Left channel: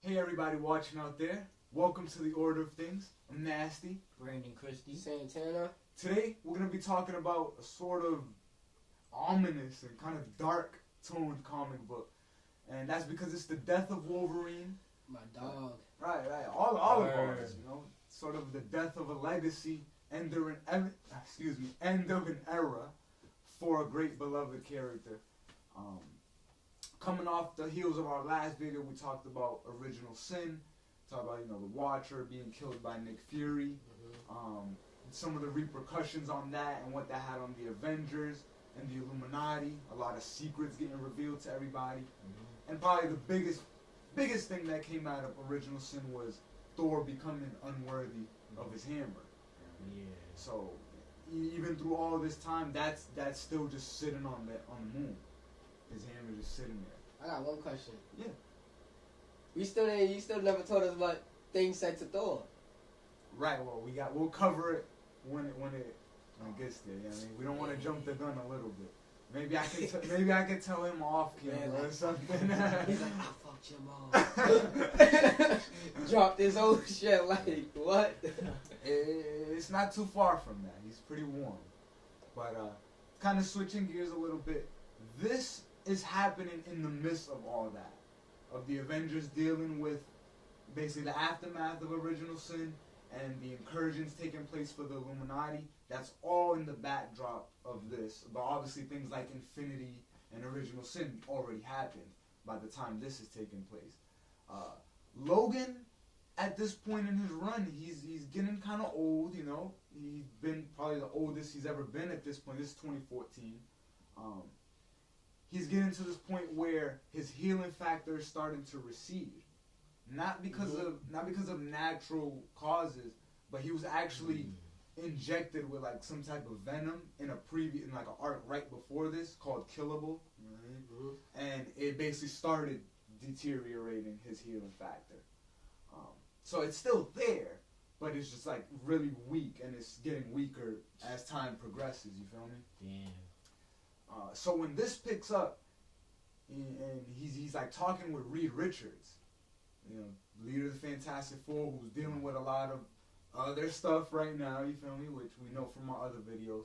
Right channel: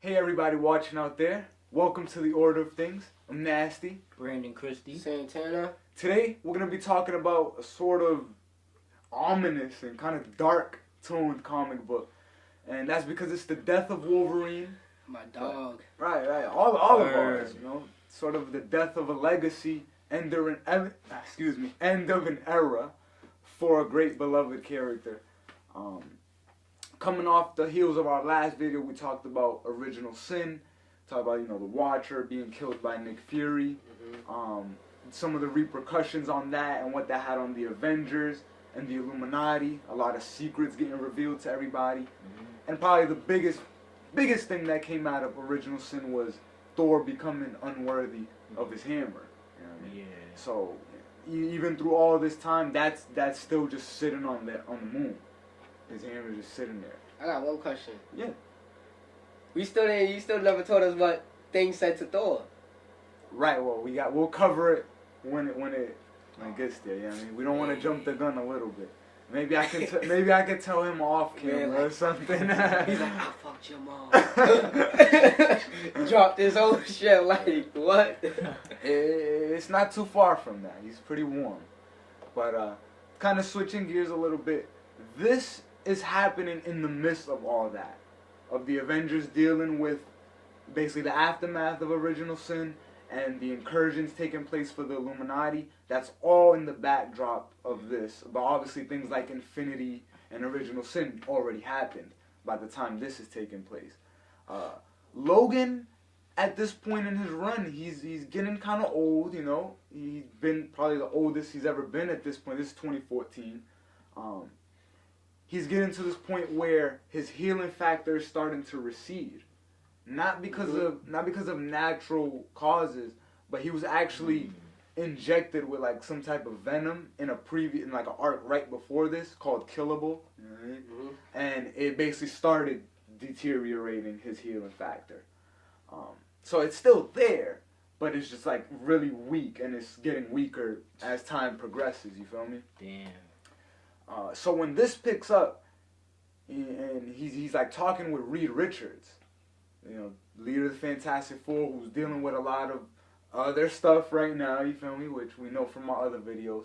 Hey everybody watching out there. Welcome to the Order of Things. I'm Nasty. Brandon Christie. Santana. Today we're going to be talking about a sort of ominous and kind of dark toned comic book. And that's because it's the death of Wolverine. My dog. Right. All of ours, Sort of the death of a legacy, end of an era for a great beloved character. Coming off the heels of our last video, we talked about Original Sin, talked about the Watcher being killed by Nick Fury, some of the repercussions on that and what that had on the Avengers and the Illuminati, a lot of secrets getting revealed to everybody, and probably the biggest thing that came out of Original Sin was Thor becoming unworthy of his hammer. You know what I mean? Yeah. So even through all this time, that's still just sitting on the moon. His hammer just sitting there. I got one question. Yeah. You still never told us what things said to Thor. Right. Well, we'll cover it when it gets there. You know what I mean? We don't want to jump the gun a little bit. Maybe I can tell him off camera or something. He's like, I fucked your mom. Dropped his whole shit like what? It's not too far from that. He's pretty warm. But kind of switching gears a little bit. This is happening in the midst of all that. Of the Avengers dealing with basically the aftermath of Original Sin and the incursions taking place for the Illuminati. That's all in the backdrop of this. But obviously things like Infinity and Original Sin already happened by the time this is taking place. Logan, at this point in his run, he's getting kind of old, He's been probably the oldest he's ever been at this point. This is 2014. He's getting to this point where his healing factor is starting to recede, not because of natural causes, but he was actually injected with like some type of venom in an arc right before this called Killable, and it basically started deteriorating his healing factor. So it's still there, but it's just like really weak, and it's getting weaker as time progresses. You feel me? Damn. So when this picks up, and he's like talking with Reed Richards, leader of the Fantastic Four, who's dealing with a lot of other stuff right now, you feel me, which we know from my other videos.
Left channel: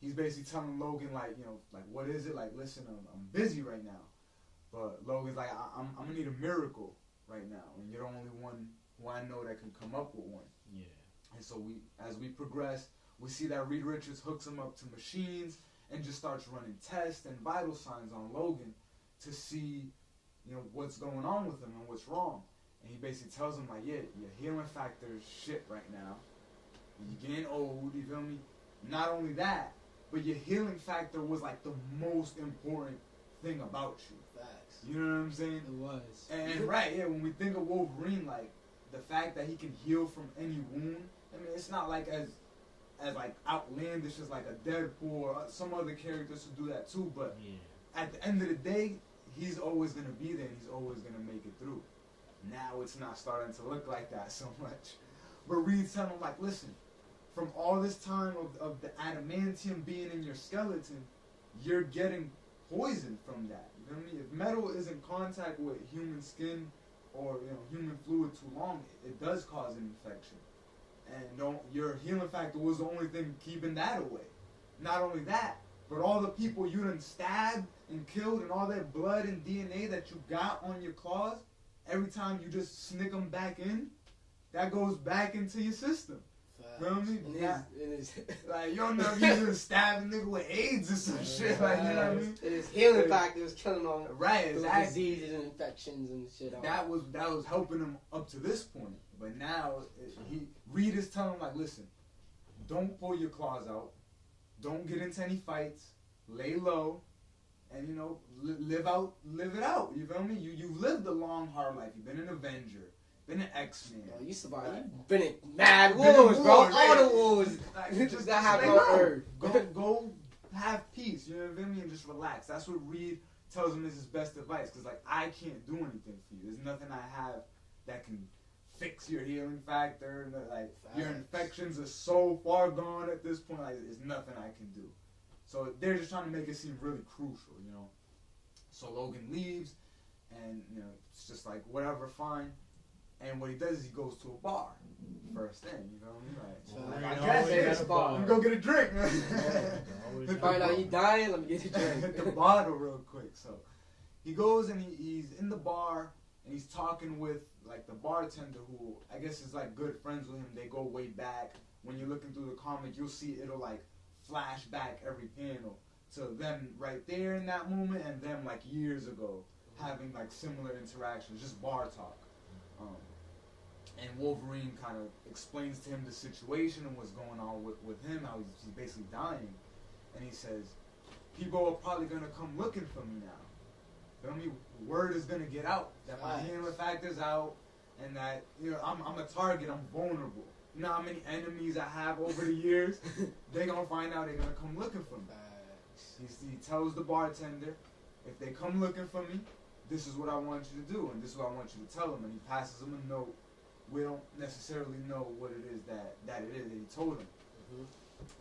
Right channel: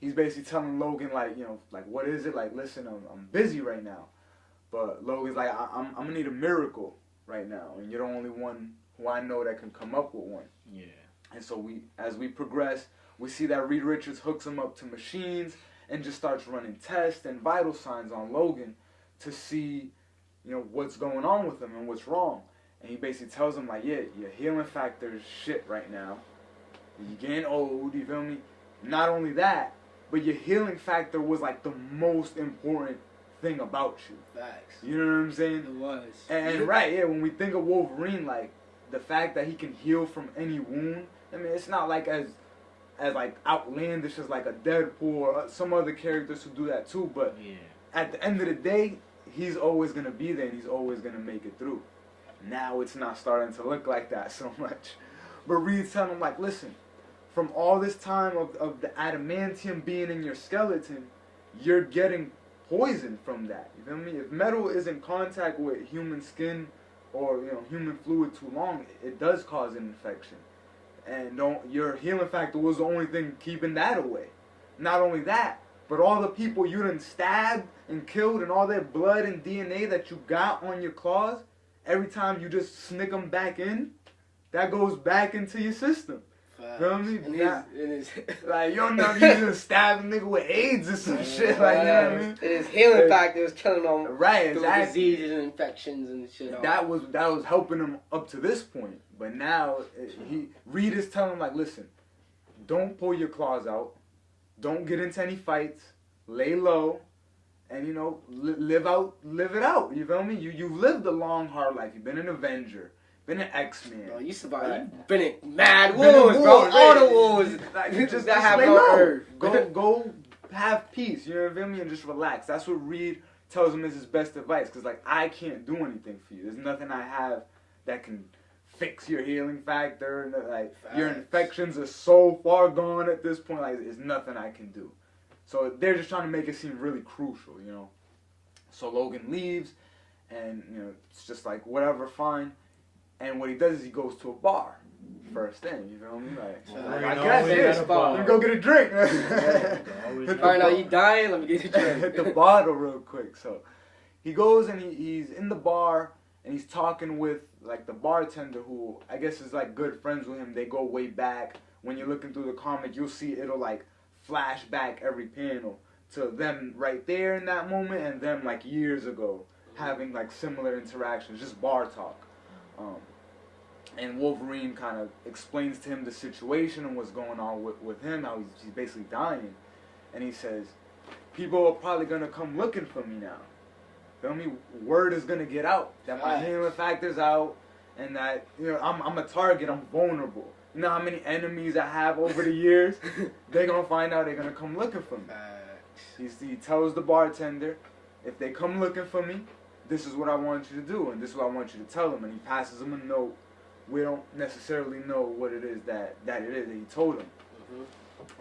He's basically telling Logan, like, what is it? Like, listen, I'm busy right now. But Logan's like, I'm going to need a miracle right now, and you're the only one who I know that can come up with one. Yeah. And so as we progress, we see that Reed Richards hooks him up to machines and just starts running tests and vital signs on Logan to see, what's going on with him and what's wrong. And he basically tells him, like, yeah, your healing factor is shit right now. You're getting old, you feel me? Not only that, but your healing factor was, like, the most important thing about you. Facts. You know what I'm saying? It was. And, when we think of Wolverine, like, the fact that he can heal from any wound, I mean, it's not like as like outlandish as like a Deadpool or some other characters who do that too, but at the end of the day, he's always going to be there and he's always going to make it through. Now it's not starting to look like that so much. But Reed's telling him, like, listen, from all this time of the adamantium being in your skeleton, you're getting poisoned from that. You feel me? If metal is in contact with human skin or human fluid too long, it does cause an infection. And your healing factor was the only thing keeping that away. Not only that, but all the people you done stabbed and killed and all that blood and DNA that you got on your claws, every time you just snick them back in, that goes back into your system. You know what I mean? Like, you just stab a nigga with AIDS or some shit. Like, you know what I mean? And his healing factor was killing him through diseases and infections and shit. That was helping him up to this point. But now, Reed is telling him, like, listen, don't pull your claws out. Don't get into any fights. Lay low. And, live it out. You feel me? You've lived a long, hard life. You've been an Avenger. Been an X-Man. Bro, you survived. You've been in mad wars, bro. All the wars. Like, you just happened on Earth. Go have peace. You know what I mean? And just relax. That's what Reed tells him is his best advice. Because, like, I can't do anything for you. There's nothing I have that can fix your healing factor. And, like, your infections are so far gone at this point. Like, there's nothing I can do. So they're just trying to make it seem really crucial, So Logan leaves. And, you know, it's just like, whatever, fine. And what he does is he goes to a bar. First thing, you feel me? Like, I guess, let me go get a drink. Find out you dying, let me get a drink. Hit the bottle real quick. So he goes and he's in the bar and he's talking with like the bartender who I guess is like good friends with him. They go way back. When you're looking through the comic, you'll see it'll like flash back every panel to them right there in that moment and them like years ago having like similar interactions, just bar talk. And Wolverine kind of explains to him the situation and what's going on with him, how he's basically dying. And he says, people are probably going to come looking for me now. Feel me? Word is going to get out that my healing factor's out and that, you know, I'm a target, I'm vulnerable. You know how many enemies I have over the years? They're going to find out they're going to come looking for me. He tells the bartender, if they come looking for me, this is what I want you to do and this is what I want you to tell them. And he passes them a note. We don't necessarily know what it is that it is that he told him.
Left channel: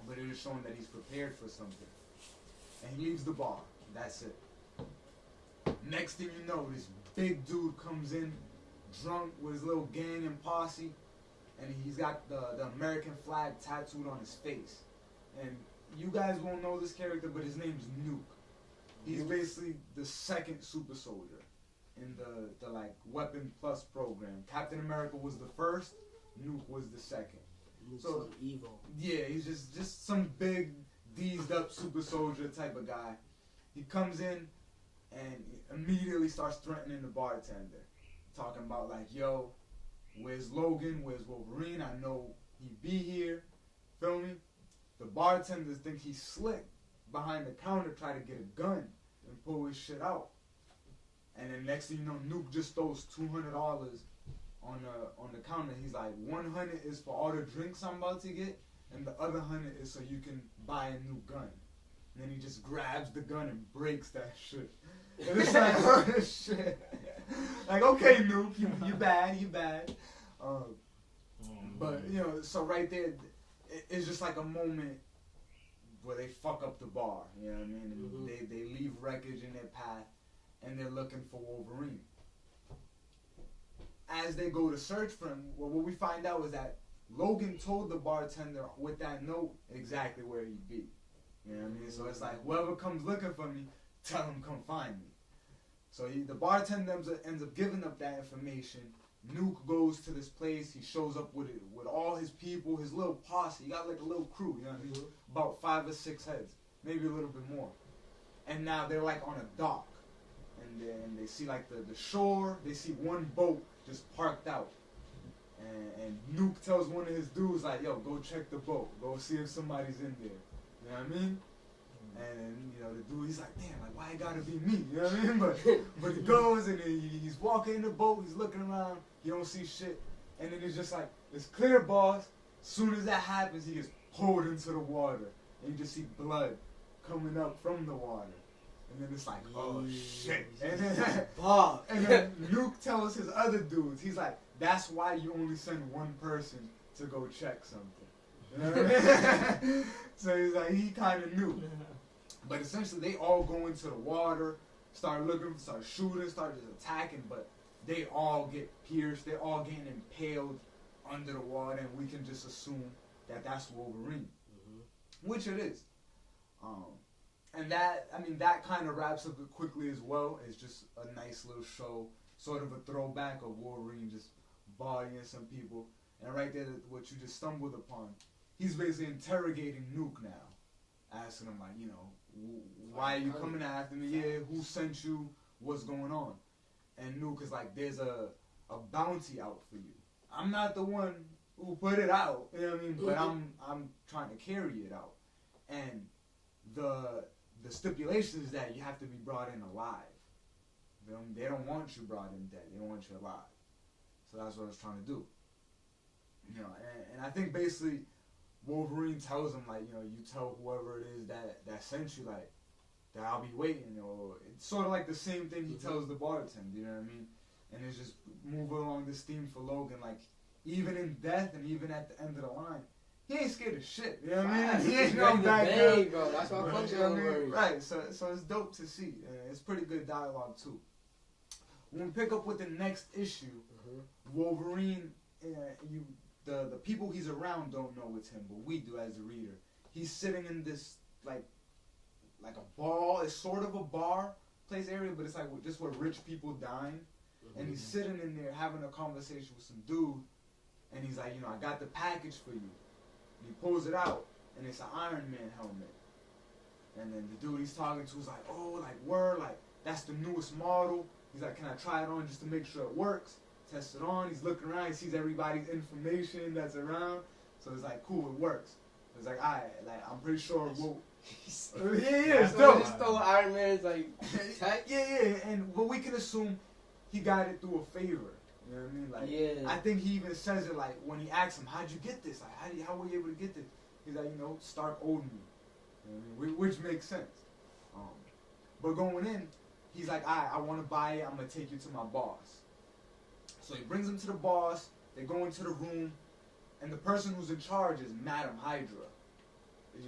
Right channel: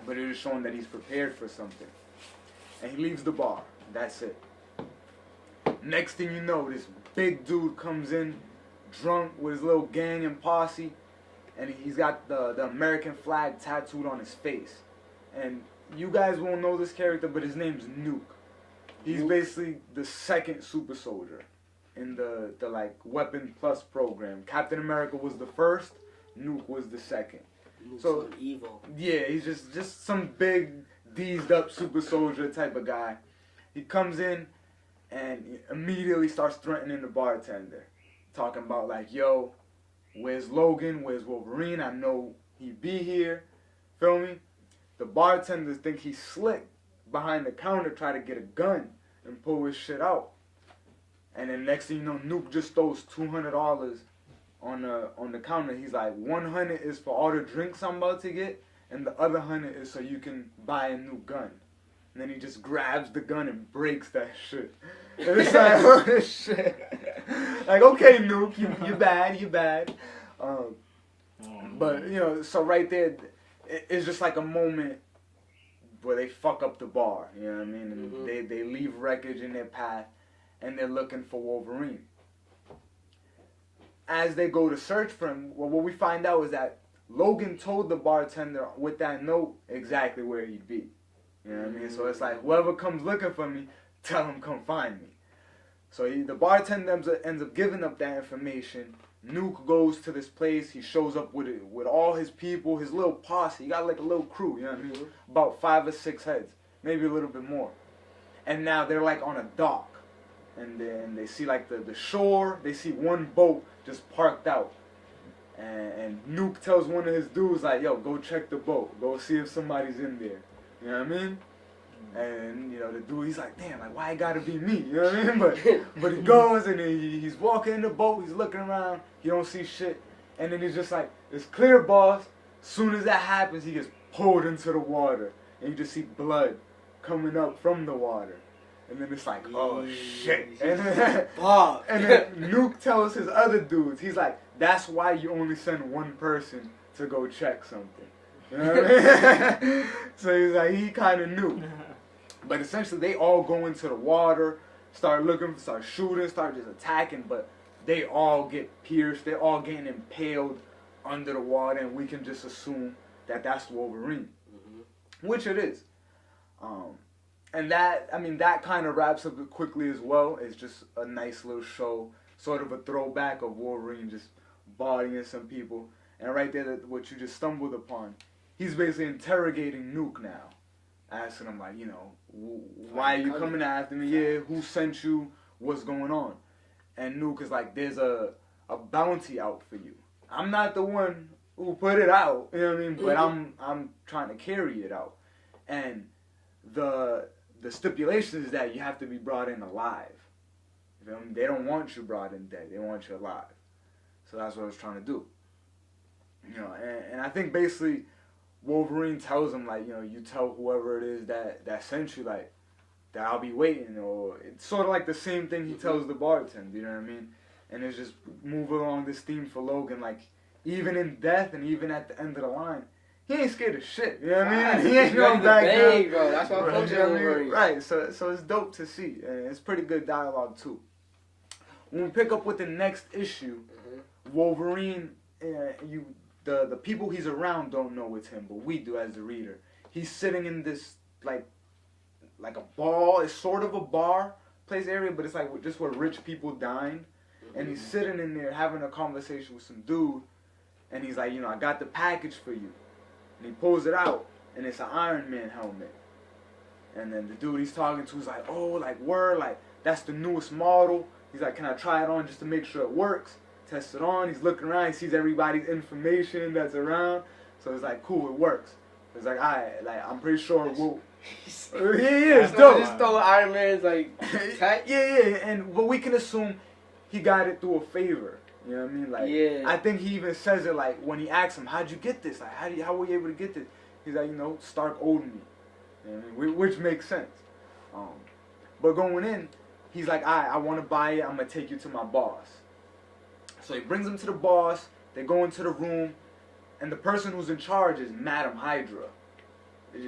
But it is showing that he's prepared for something. And he leaves the bar. That's it. Next thing you know, this big dude comes in, drunk with his little gang and posse, and he's got the American flag tattooed on his face. And you guys won't know this character, but his name's Nuke. He's basically the second super soldier in the like Weapon Plus program. Captain America was the first, Nuke was the second. Nuke's so evil. Yeah, he's just some big deezed up super soldier type of guy. He comes in and immediately starts threatening the bartender, talking about like, yo, where's Logan? Where's Wolverine? I know he be here. Feel me? The bartenders think he's slick behind the counter, try to get a gun and pull his shit out. And then next thing you know, Nuke just throws $200 on the counter. He's like, 100 is for all the drinks I'm about to get, and the other 100 is so you can buy a new gun. And then he just grabs the gun and breaks that shit. And it's like, oh, this shit. Like, okay, Nuke, you bad. But, you know, so right there, it's just like a moment where they fuck up the bar, you know what I mean? And they leave wreckage in their path, and they're looking for Wolverine. As they go to search for him, well, what we find out is that Logan told the bartender with that note exactly where he'd be. You know what I mean? So it's like, whoever comes looking for me, tell him come find me. So the bartender ends up giving up that information. Nuke goes to this place. He shows up with all his people, his little posse. He got like a little crew, you know what I mean? About 5 or 6 heads, maybe a little bit more. And now they're like on a dock. And then they see like the shore. They see one boat just parked out. And Nuke tells one of his dudes like, yo, go check the boat. Go see if somebody's in there. You know what I mean? And, you know, the dude, he's like, damn, like, why it gotta be me? You know what I mean? But he goes and he's walking in the boat. He's looking around. He don't see shit. And then he's just like, it's clear, boss. Soon as that happens, he gets pulled into the water. And you just see blood coming up from the water. And then it's like, oh, shit. And then Nuke tells his other dudes, he's like, that's why you only send one person to go check something. You know what I mean? So he's like, he kind of knew. But essentially, they all go into the water, start looking, start shooting, start just attacking, but they all get pierced. They're all getting impaled under the water, and we can just assume that that's Wolverine. Which it is. And that kind of wraps up it quickly as well. It's just a nice little show, sort of a throwback of Wolverine just bodying some people. And right there, what you just stumbled upon, he's basically interrogating Nuke now, asking him like, you know, why are you coming after me? Yeah, who sent you? What's going on? And Nuke is like, there's a bounty out for you. I'm not the one who put it out, you know what I mean? But I'm trying to carry it out. And the stipulation is that you have to be brought in alive. You know? They don't want you brought in dead. They want you alive. So that's what I was trying to do. You know, and I think basically Wolverine tells him, like, you know, you tell whoever it is that sent you, like, that I'll be waiting. Or it's sort of like the same thing he tells the bartender, you know what I mean? And it's just move along this theme for Logan, like, even in death and even at the end of the line, he ain't scared of shit, you know what I mean? He ain't going back down. Bro. That's what I'm Right, so it's dope to see, and it's pretty good dialogue too. when we pick up with the next issue, Wolverine, the people he's around don't know it's him, but we do as the reader. He's sitting in this like a ball. It's sort of a bar place area, but it's like just where rich people dine. And he's sitting in there having a conversation with some dude, and he's like, I got the package for you. And he pulls it out, and it's an Iron Man helmet. And then the dude he's talking to is like, oh, like, word, like, that's the newest model. He's like, can I try it on just to make sure it works? Test it on. He's looking around. He sees everybody's information that's around. So it's like, cool, it works. It's like, I'm pretty sure we'll... it's dope. Just throw Iron Man's, like, tight. Yeah, but we can assume he got it through a favor. You know what I mean? Like, I think he even says it, like, when he asks him, how'd you get this? Like, how were you able to get this? He's like, Stark owed me. You know what I mean? Which makes sense. But going in, he's like, I want to buy it. I'm going to take you to my boss. So he brings him to the boss. They go into the room. And the person who's in charge is Madam Hydra.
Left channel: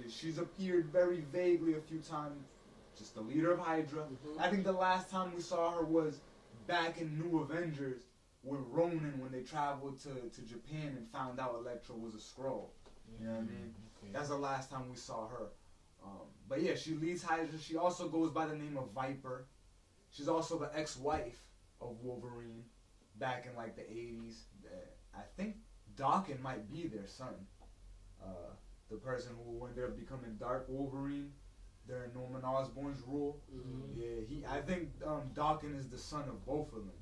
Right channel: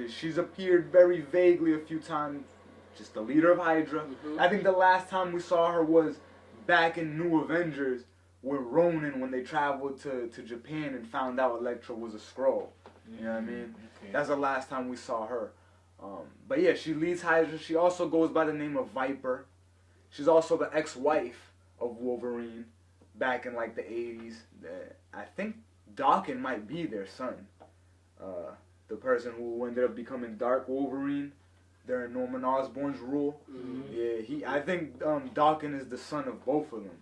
She's appeared very vaguely a few times. Just the leader of Hydra. I think the last time we saw her was back in New Avengers with Ronan when they traveled to Japan and found out Elektra was a Skrull. You know what I mean? Okay. That's the last time we saw her. But yeah, she leads Hydra. She also goes by the name of Viper. She's also the ex-wife of Wolverine back in like the 80s. I think Dawkins might be their son. The person who ended up becoming Dark Wolverine during Norman Osborn's rule. Yeah, I think Dawkins is the son of both of them.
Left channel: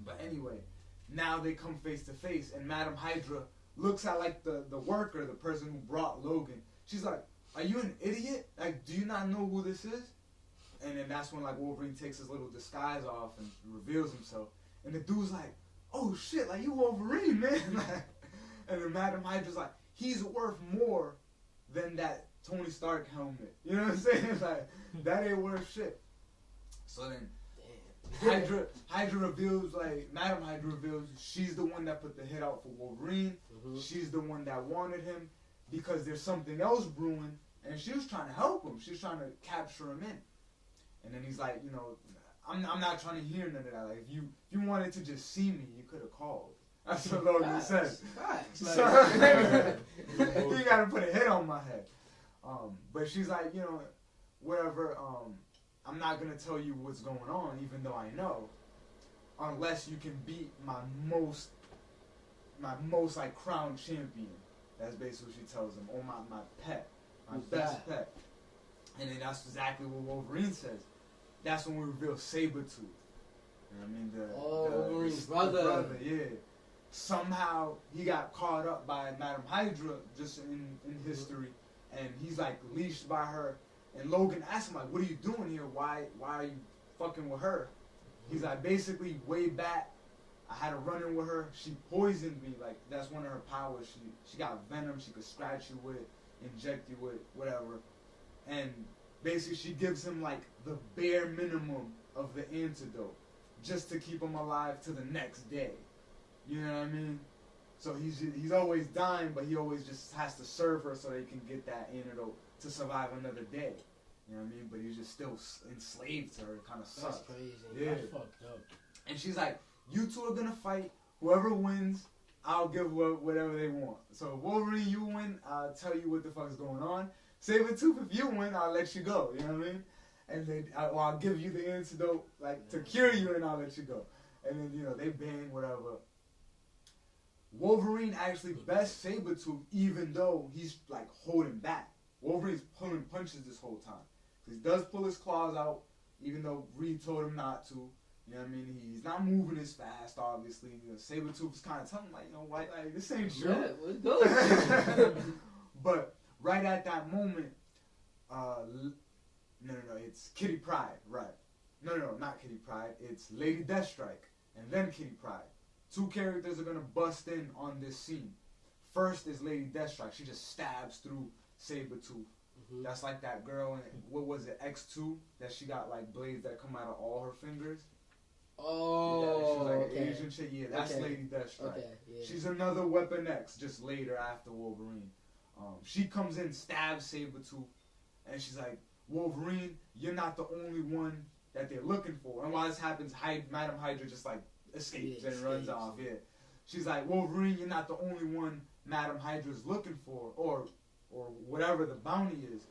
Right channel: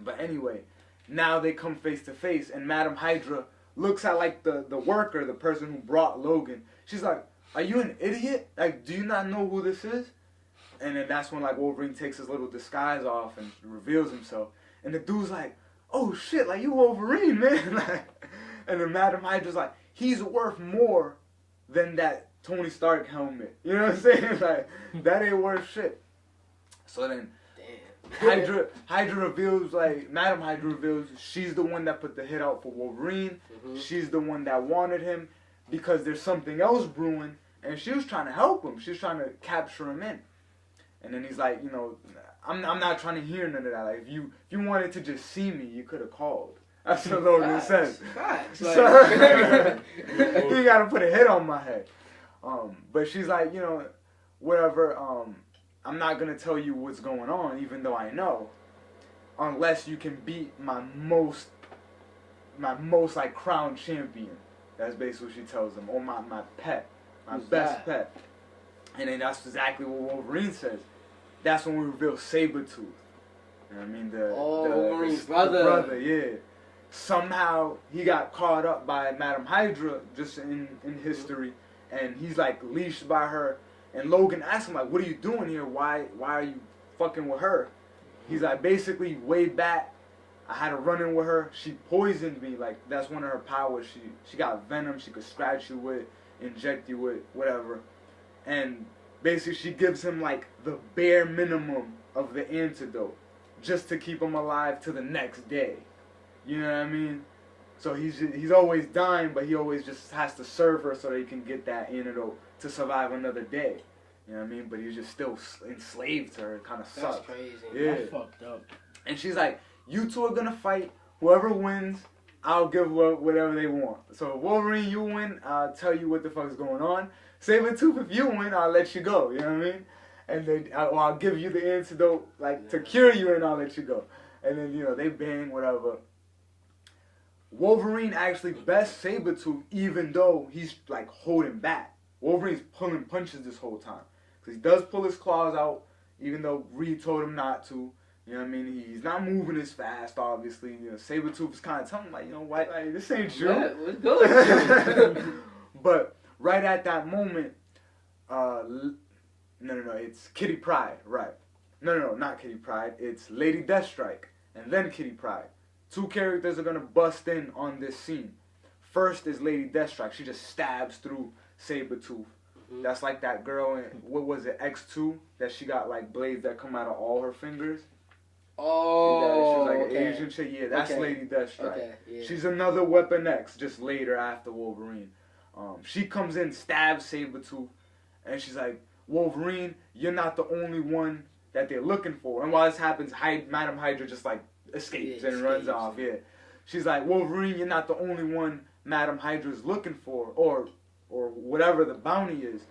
But anyway, now they come face to face, and Madam Hydra looks at like the worker, the person who brought Logan. She's like, are you an idiot? Like, do you not know who this is? And then that's when like Wolverine takes his little disguise off and reveals himself. And the dude's like, oh shit, like you Wolverine, man. Like, and then Madam Hydra's like, he's worth more than that Tony Stark helmet. You know what I'm saying? Like, that ain't worth shit. So then Hydra reveals, like, Madam Hydra reveals she's the one that put the hit out for Wolverine. She's the one that wanted him because there's something else brewing, and she was trying to help him. She was trying to capture him in. And then he's like, I'm not trying to hear none of that. Like, if you wanted to just see me, you could have called. That's what Logan says. So, you gotta put a hit on my head. But she's like, whatever, I'm not gonna tell you what's going on, even though I know, unless you can beat my most like crowned champion. That's basically what she tells him, or my pet, my best pet. And then that's exactly what Wolverine says. That's when we reveal Sabretooth. You know what I mean? Wolverine's brother. Yeah. Somehow he got caught up by Madam Hydra just in history, and he's like leashed by her. And Logan asks him like, "What are you doing here? Why are you fucking with her?" He's like, basically, way back, I had a run-in with her. She poisoned me. Like, that's one of her powers. She got venom. She could scratch you with, inject you with, whatever. And basically, she gives him like the bare minimum of the antidote, just to keep him alive to the next day. You know what I mean? So he's always dying, but he always just has to serve her so that he can get that antidote to survive another day. You know what I mean? But he's just still enslaved to her. It kind of sucks. That's crazy. Yeah. That's fucked up. And she's like, you two are going to fight. Whoever wins, I'll give whatever they want. So Wolverine, you win, I'll tell you what the fuck's going on. Sabretooth, if you win, I'll let you go. You know what I mean? And then I'll give you the antidote, like, to cure you, and I'll let you go. And then, they bang, whatever. Wolverine actually bests Sabretooth, even though he's, like, holding back. Wolverine's pulling punches this whole time. Because he does pull his claws out, even though Reed told him not to. You know what I mean? He's not moving as fast, obviously. Sabretooth is kind of telling him, like, White, like, this ain't you. Yeah, what's good? But right at that moment, no, it's Kitty Pryde, right. No, not Kitty Pryde. It's Lady Deathstrike, and then Kitty Pryde. Two characters are going to bust in on this scene. First is Lady Deathstrike. She just stabs through Sabretooth. That's like that girl in, what was it, X2? That she got, like, blades that come out of all her fingers. Oh, she's like okay. an Asian chick. Yeah, that's Lady Deathstrike. Okay, yeah. She's another Weapon X, just later after Wolverine. She comes in, stabs Sabretooth, and she's like, Wolverine, you're not the only one that they're looking for. And while this happens, Madam Hydra just like escapes and runs off. Yeah, she's like, Wolverine, you're not the only one Madam Hydra's looking for, or whatever the bounty is.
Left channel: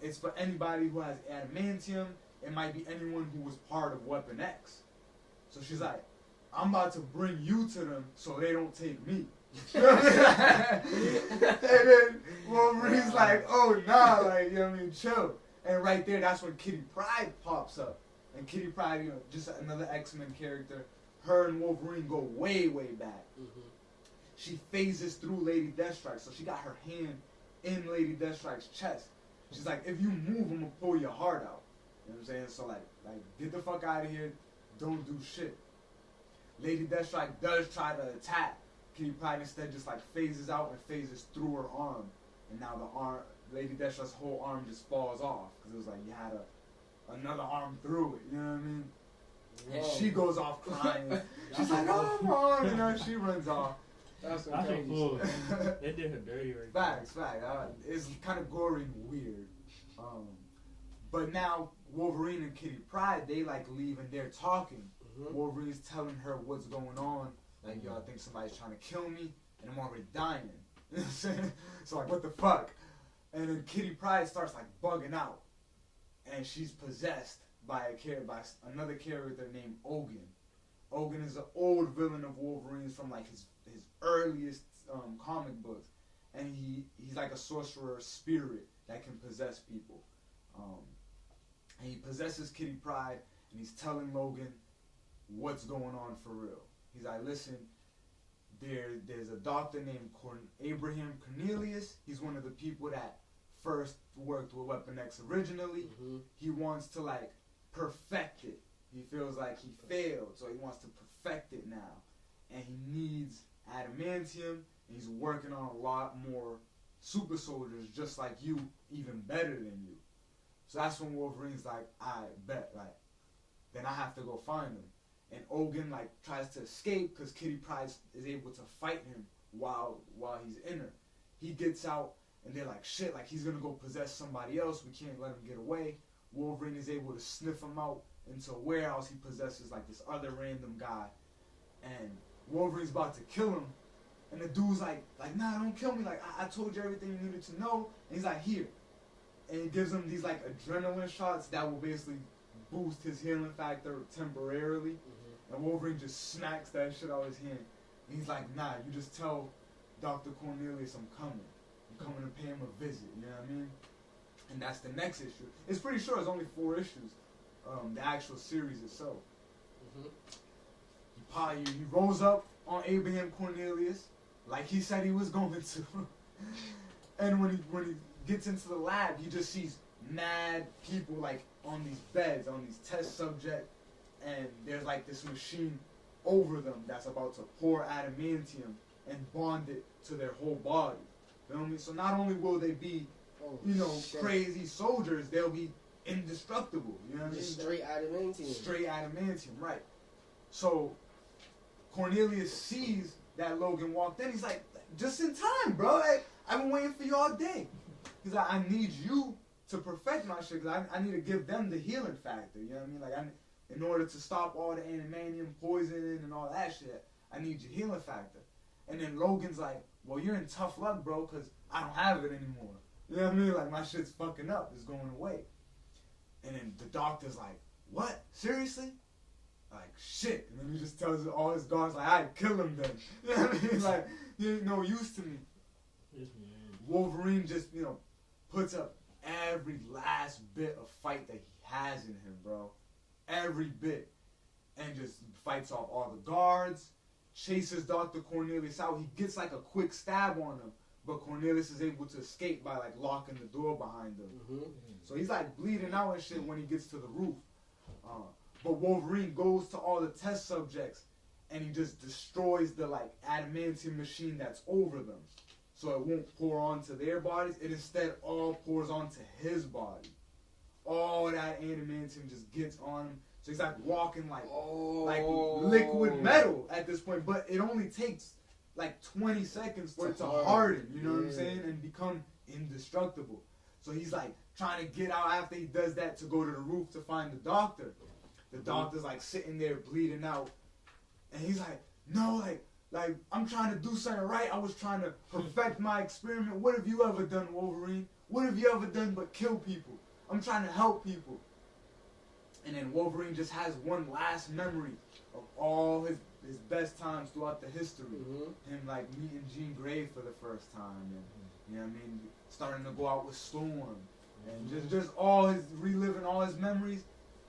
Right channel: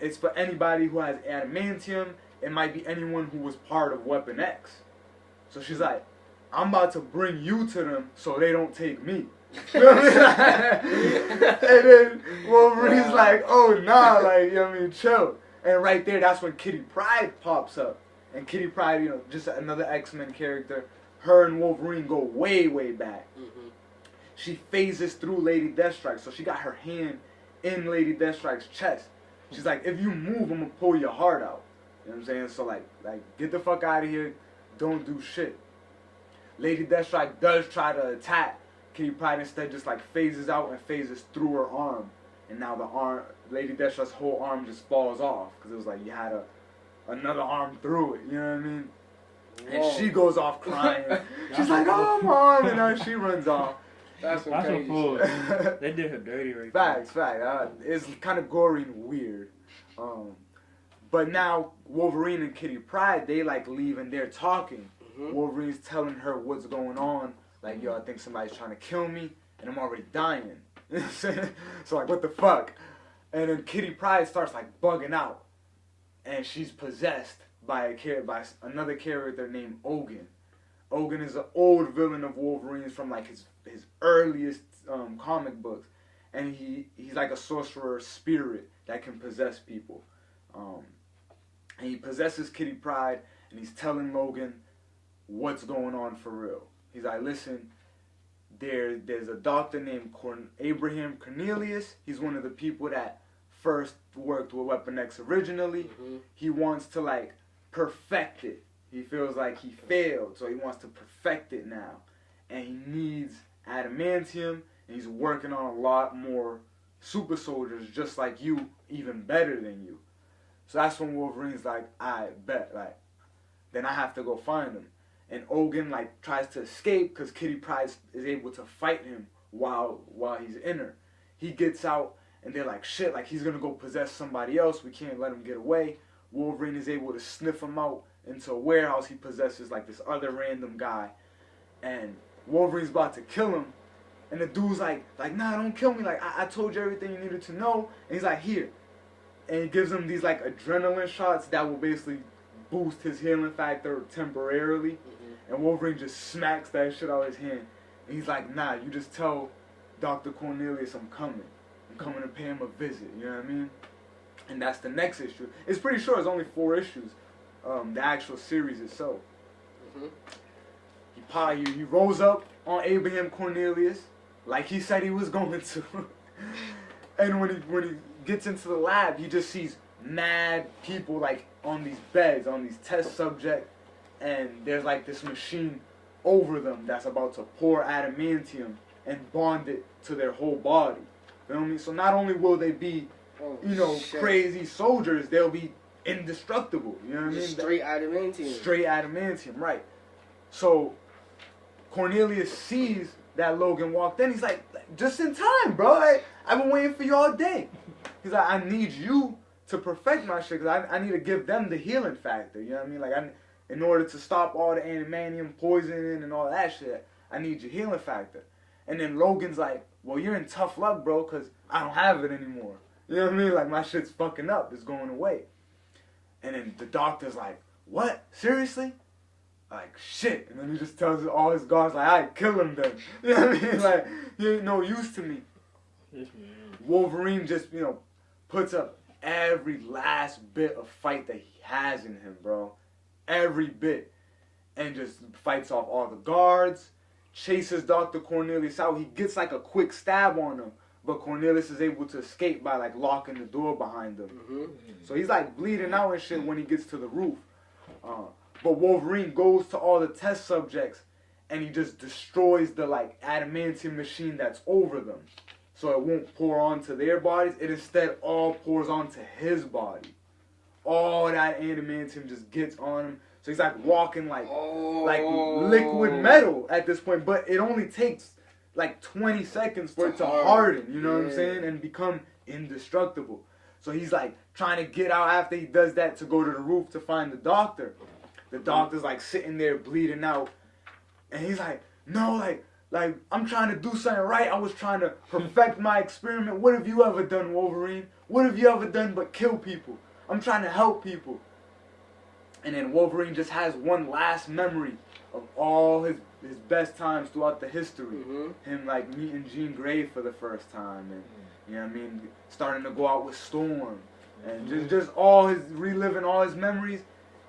It's for anybody who has adamantium. It might be anyone who was part of Weapon X. So she's like, I'm about to bring you to them so they don't take me. You know what I mean? And then Wolverine's like, oh nah, like, you know what I mean, chill. And right there, that's when Kitty Pryde pops up. And Kitty Pryde, you know, just another X-Men character. Her and Wolverine go way, way back. Mm-hmm. She phases through Lady Deathstrike, so she got her hand in Lady Deathstrike's chest. She's like, if you move, I'm gonna pull your heart out. You know what I'm saying? So like get the fuck out of here. Don't do shit. Lady Deathstrike does try to attack. Kitty Pryde instead just like phases out and phases through her arm. And now the arm, Lady Deathstrike's whole arm just falls off. Because it was like you had another arm through it. You know what I mean? Whoa. And she goes off crying. She's like, oh, my arm. And then she runs off. That's some fool. They did her dirty right Facts. It's kind of gory and weird. But now Wolverine and Kitty Pryde, they like leave and they're talking. Mm-hmm. Wolverine's telling her what's going on. Like, yo, I think somebody's trying to kill me and I'm already dying. You know what I'm saying? So like, what the fuck? And then Kitty Pryde starts like bugging out. And she's possessed by another character named Logan. Logan is an old villain of Wolverine's from like his earliest comic books, and he's like a sorcerer spirit that can possess people. And he possesses Kitty Pryde, and he's telling Logan what's going on for real. He's like, listen, there's a doctor named Abraham Cornelius. He's one of the people that first worked with Weapon X originally. Mm-hmm. He wants to like perfect it. He feels like he failed, so he wants to perfect it now. And he needs adamantium, and he's working on a lot more super soldiers just like you, even better than you. So that's when Wolverine's like, I bet, like, then I have to go find him. And Logan like tries to escape because Kitty Pryde is able to fight him while he's in her. He gets out, and they're like, shit, like he's gonna go possess somebody else. We can't let him get away. Wolverine is able to sniff him out into a warehouse. He possesses like this other random guy, and Wolverine's about to kill him, and the dude's like nah, don't kill me, like I told you everything you needed to know. And he's like, here, and he gives him these like adrenaline shots that will basically boost his healing factor temporarily. Mm-hmm. And Wolverine just smacks that shit out of his hand, and he's like, nah, you just tell Dr. Cornelius I'm coming to pay him a visit. You know what I mean? And that's the next issue. It's pretty sure it's only 4 issues. The actual series itself. Mm-hmm. He rolls up on Abraham Cornelius like he said he was going to. And when he gets into the lab, he just sees mad people like on these beds, on these test subjects, and there's like this machine over them that's about to pour adamantium and bond it to their whole body. You know what I mean? So not only will they be, crazy soldiers, they'll be indestructible. You know what I mean? Straight adamantium. Straight adamantium, right. So Cornelius sees that Logan walked in. He's like, just in time, bro. I've been waiting for you all day. He's like, I need you to perfect my shit because I need to give them the healing factor. You know what I mean? Like, in order to stop all the adamantium poisoning and all that shit, I need your healing factor. And then Logan's like, well, you're in tough luck, bro, because I don't have it anymore. You know what I mean? Like, my shit's fucking up. It's going away. And then the doctor's like, what? Seriously? Like, shit. And then he just tells all his guards, like, I'd kill him then. You know what I mean? Like, he ain't no use to me. Wolverine just, puts up every last bit of fight that he has in him, bro. Every bit. And just fights off all the guards, chases Dr. Cornelius out. He gets, like, a quick stab on him. But Cornelius is able to escape by, like, locking the door behind him. Mm-hmm. So he's, like, bleeding out and shit when he gets to the roof. But Wolverine goes to all the test subjects and he just destroys the, like, adamantium machine that's over them. So it won't pour onto their bodies. It instead all pours onto his body. All that adamantium just gets on him. So he's, like, walking like liquid metal at this point. But it only takes like 20 seconds for it to harden, you know what I'm saying, and become indestructible. So he's like trying to get out after he does that to go to the roof to find the doctor. The doctor's like sitting there bleeding out, and he's like, no, like I'm trying to do something right. I was trying to perfect my experiment. What have you ever done, Wolverine? What have you ever done but kill people? I'm trying to help people. And then Wolverine just has one last memory of all his best times throughout the history. Him like meeting Jean Grey for the first time, and you know what I mean, starting to go out with Storm, and just all his reliving all his memories.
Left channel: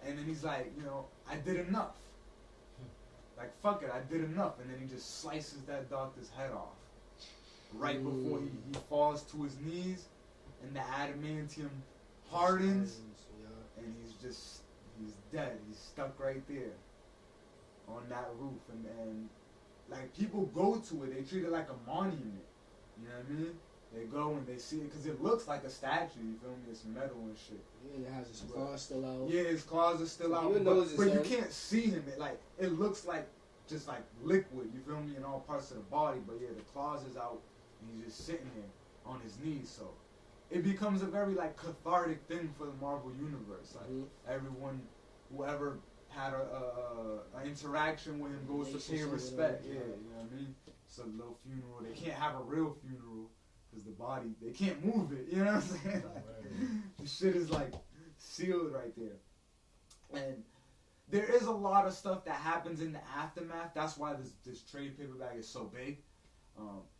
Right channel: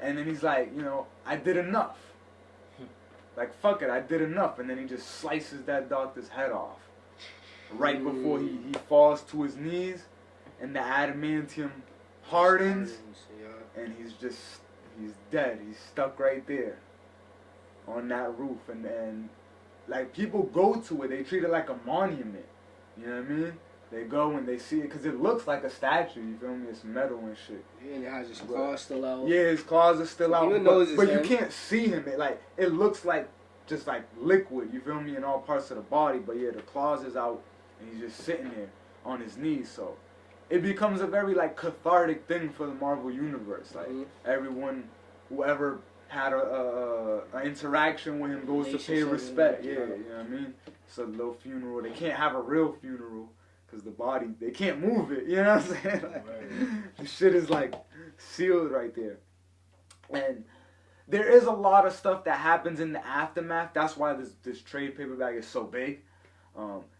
And then he's like, you know, I did enough. Like, fuck it, I did enough. And then he just slices that doctor's head off right before he falls to his knees, and the adamantium hardens, and he's dead. He's stuck right there on that roof. And like, people go to it. They treat it like a monument. You know what I mean? They go and they see it because it looks like a statue. You feel me? It's metal and shit. Yeah, and it has his claws still out. Yeah, his claws are still out. But you can't see him. It looks like just like liquid. You feel me? In all parts of the body. But yeah, the claws is out, and he's just sitting there on his knees. So it becomes a very like cathartic thing for the Marvel universe. Like everyone, whoever had a interaction with him goes to pay respect. Yeah, you know what I mean? It's a little funeral. They can't have a real funeral because the body, they can't move it. You know what I'm saying? Like, the shit is like sealed right there. And there is a lot of stuff that happens in the aftermath. That's why this trade paperback is so big.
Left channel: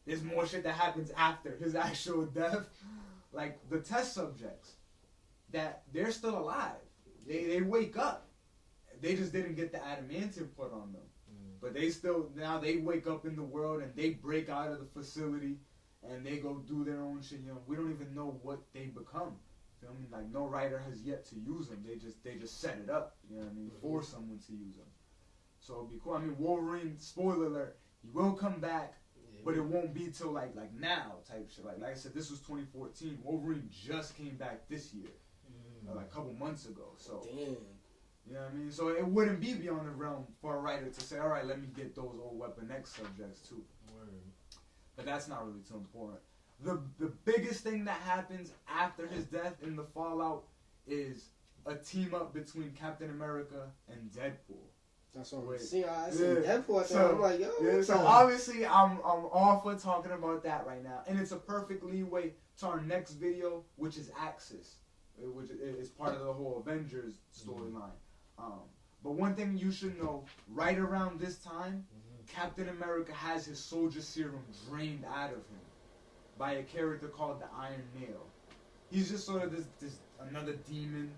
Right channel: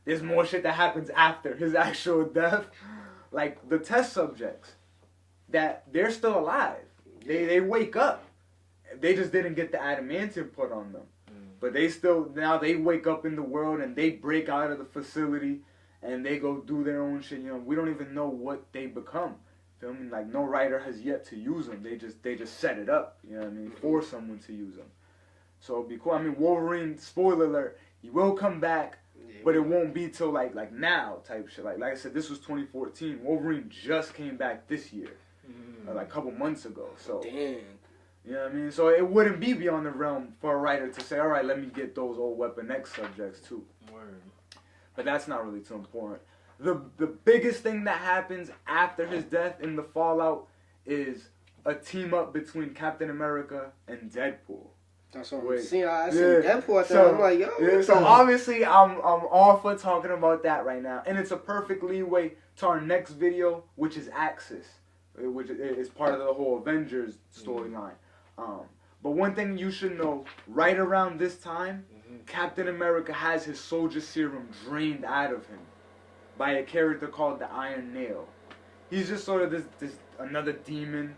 There's more shit that happens after his actual death. Like the test subjects, that they're still alive. They wake up. They just didn't get the adamantium put on them. But now they wake up in the world and they break out of the facility and they go do their own shit. You know, we don't even know what they become. Feel me? Like, no writer has yet to use them. They just set it up, you know what I mean, for someone to use them. So it'd be cool. I mean, Wolverine, spoiler alert, he will come back, but it won't be till like now type shit. Like I said, this was 2014. Wolverine just came back this year, like a couple months ago. So damn. You know what I mean? So it wouldn't be beyond the realm for a writer to say, all right, let me get those old Weapon X subjects too. Word. But that's not really too important. The biggest thing that happens after his death in the fallout is a team up between Captain America and Deadpool. That's what I'm seeing. I seen Deadpool at that. I'm like, yo. Yeah, so obviously I'm all for talking about that right now. And it's a perfect leeway to our next video, which is Axis, which is part of the whole Avengers storyline. But one thing you should know, right around this time, Captain America has his soldier serum drained out of him by a character called the Iron Nail. He's just sort of this another demon.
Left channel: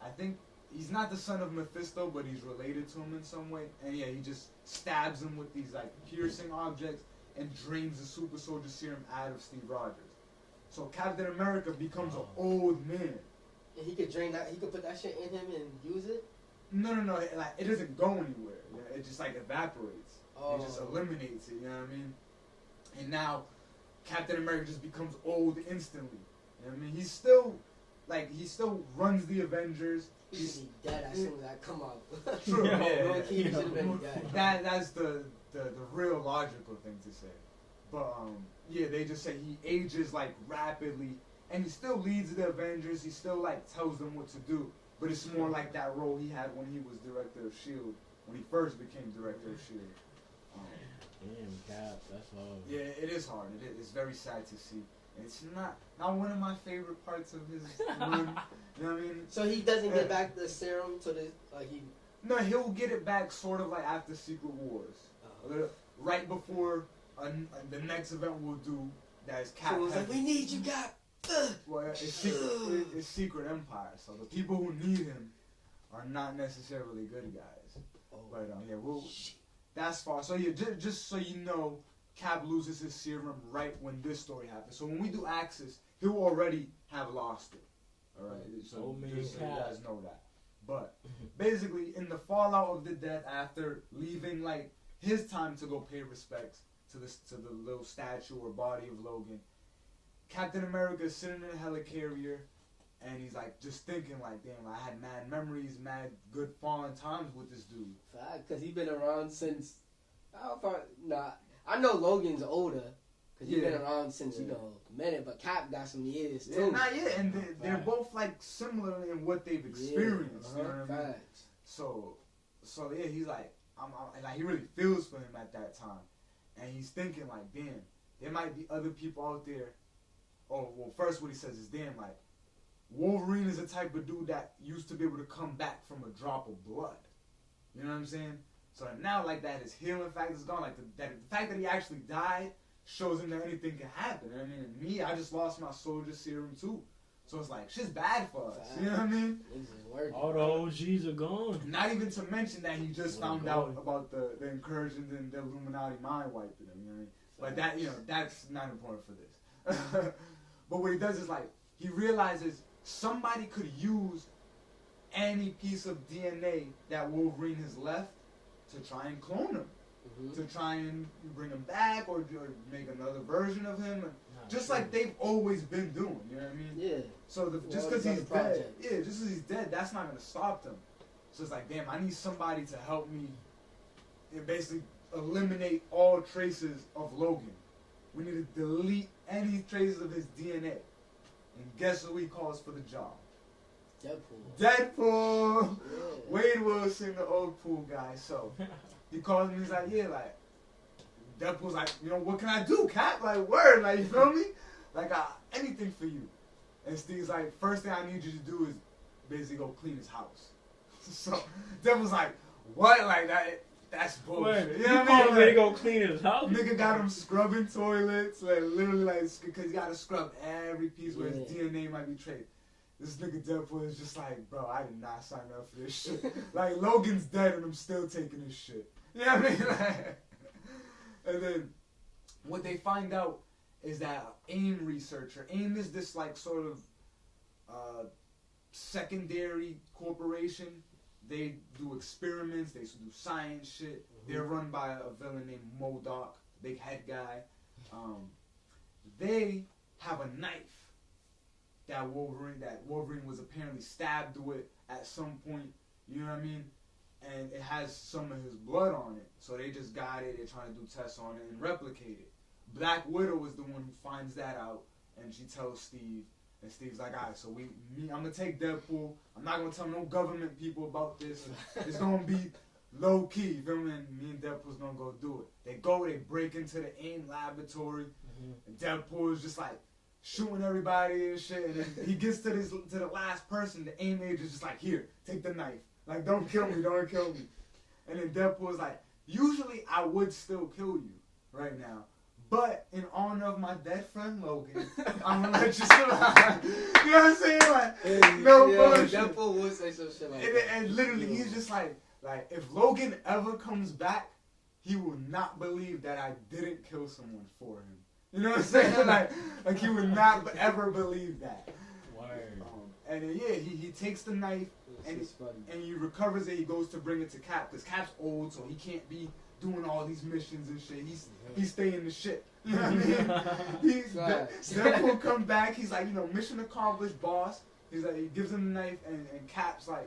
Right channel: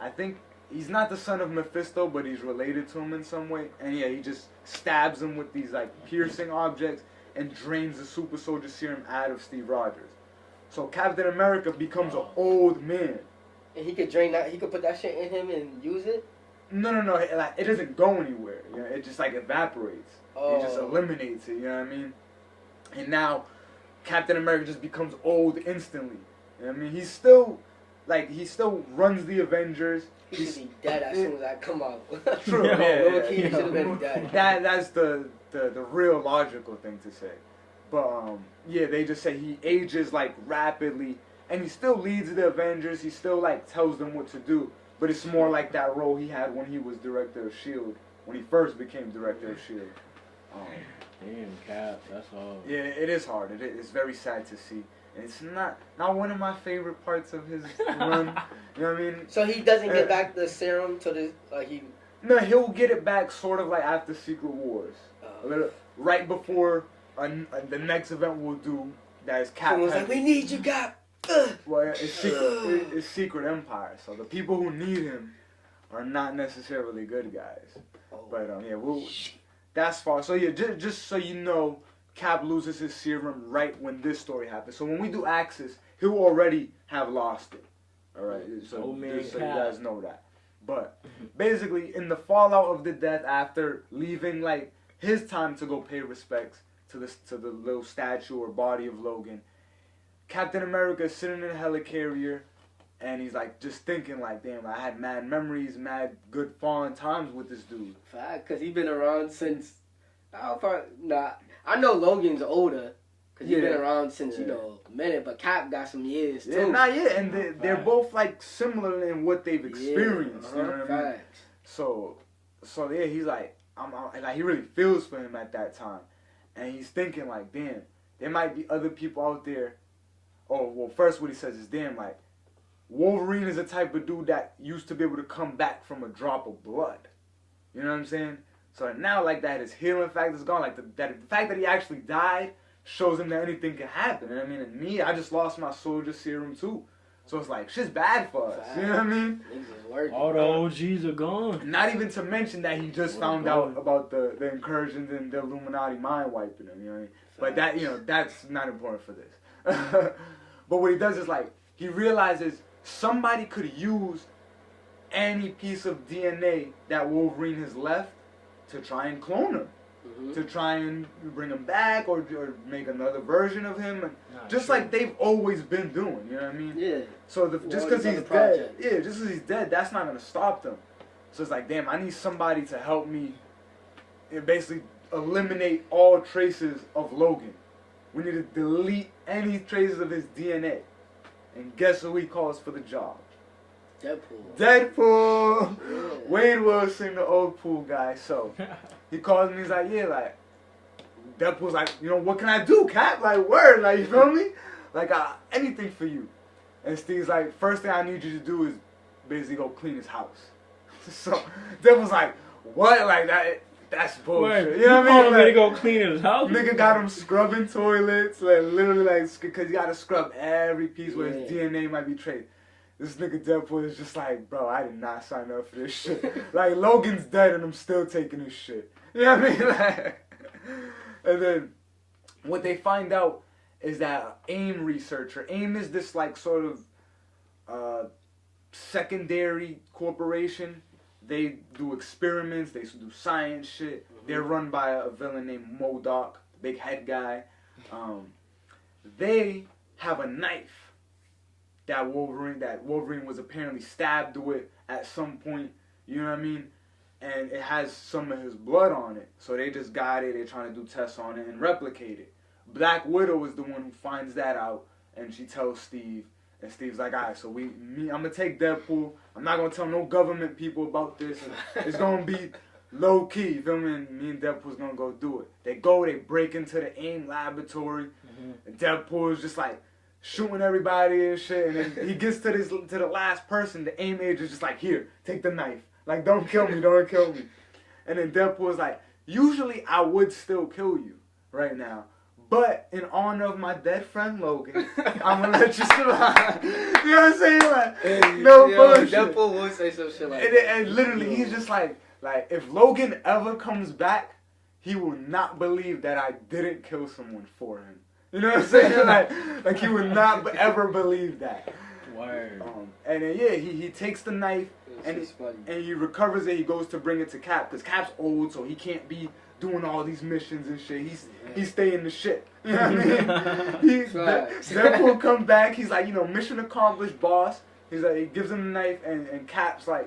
I think he's not the son of Mephisto, but he's related to him in some way. And yeah, he just stabs him with these like piercing objects and drains the super soldier serum out of Steve Rogers. So Captain America becomes an old man. And he could drain that. He could put that shit in him and use it. No. Like, it doesn't go anywhere. You know, it just like evaporates. It just eliminates it. You know what I mean? And now Captain America just becomes old instantly. You know what I mean? He still runs the Avengers. He should be dead as soon as I come out. True. Yeah. He should have been dead. That's the real logical thing to say. But yeah, they just say he ages like rapidly, and he still leads the Avengers. He still like tells them what to do. But it's more like that role he had when he was director of S.H.I.E.L.D., when he first became director of S.H.I.E.L.D. Damn, Cap, that's hard. Yeah, it is hard. It's very sad to see. And it's not one of my favorite parts of his run. You know what I mean? So he doesn't get back the serum to the, like he... No, he'll get it back sort of like after Secret Wars. Right before the next event we'll do, that is Cap. Someone's like, we need you, Cap. Well, it's Secret Empire, so the people who need him are not necessarily good guys. But yeah, that's far. So yeah, just so you know, Cap loses his serum right when this story happens. So when we do Axis, he'll already have lost it. All right, so just so you guys know that. But basically, in the fallout of the death, after leaving like his time to go pay respects to the little statue or body of Logan, Captain America is sitting in a helicarrier, and he's like just thinking like, damn, I had mad memories, mad good fun times with this dude. Fact, because he's been around since, I know Logan's older, Because he's been around since, a minute, but Cap got some years, too. Yeah, not yet, and they're both, like, similar in what they've experienced, you know what I mean? So, yeah, he's like, like, he really feels for him at that time. And he's thinking, like, damn, there might be other people out there. Oh, well, first what he says is, damn, like, Wolverine is the type of dude that used to be able to come back from a drop of blood. You know what I'm saying? So now, like, that his healing factor is gone. Like, the fact that he actually died shows him that anything can happen. And I mean, and me, I just lost my soldier serum, too. So it's like, shit's bad for us. You know what I mean? All the OGs are gone. Not even to mention that he just found out about the incursions and the Illuminati mind wiping him, you know what I mean? But that, that's not important for this. But what he does is, like, he realizes somebody could use any piece of DNA that Wolverine has left to try and clone him. To try and bring him back or make another version of him. Just like they've always been doing, you know what I mean? Yeah. So just because he's dead, just because he's dead, that's not going to stop them. So it's like, damn, I need somebody to help me and basically eliminate all traces of Logan. We need to delete any traces of his DNA. And guess who he calls for the job? Deadpool. Yeah. Wade Wilson, the old pool guy. So he calls me, he's like, yeah, like, Deadpool's like, what can I do, Cap? Like, word, like, you feel me? Like, anything for you. And Steve's like, first thing I need you to do is basically go clean his house. So Deadpool's like, what? Like, that's bullshit. Wait, you know what I mean? Like, to go clean his house? Nigga got him scrubbing toilets, like, literally, like, because you gotta scrub every piece where his DNA might be traced. This nigga Deadpool is just like, bro, I did not sign up for this shit. Like, Logan's dead and I'm still taking his shit. You know what I mean? Like, and then what they find out is that AIM researcher, AIM is this, like, sort of secondary corporation. They do experiments, they do science shit. They're run by a villain named MODOK, the big head guy. They have a knife that Wolverine was apparently stabbed with at some point, you know what I mean? And it has some of his blood on it. So they just got it, they're trying to do tests on it and replicate it. Black Widow is the one who finds that out, and she tells Steve, and Steve's like, alright, so I'm gonna take Deadpool, I'm not gonna tell no government people about this, it's gonna be low key, you feel me? And me and Deadpool's gonna go do it. They break into the AIM laboratory, and Deadpool is just like, shooting everybody and shit, and then he gets to the last person. The AIM agent is just like, here, take the knife. Like, don't kill me. And then Deadpool is like, usually I would still kill you right now, but in honor of my dead friend Logan, I'm gonna let you survive. You know what I'm saying? Like, no bullshit. Deadpool would say some shit like that. And literally, he's just like, if Logan ever comes back, he will not believe that I didn't kill someone for him. You know what I'm saying? Like he would not ever believe that. Word. And then he takes the knife and he recovers it. He goes to bring it to Cap because Cap's old, so he can't be doing all these missions and shit. He's staying the shit. You know what I mean? Deadpool come back. He's like, mission accomplished, boss. He's like, he gives him the knife and Cap's like,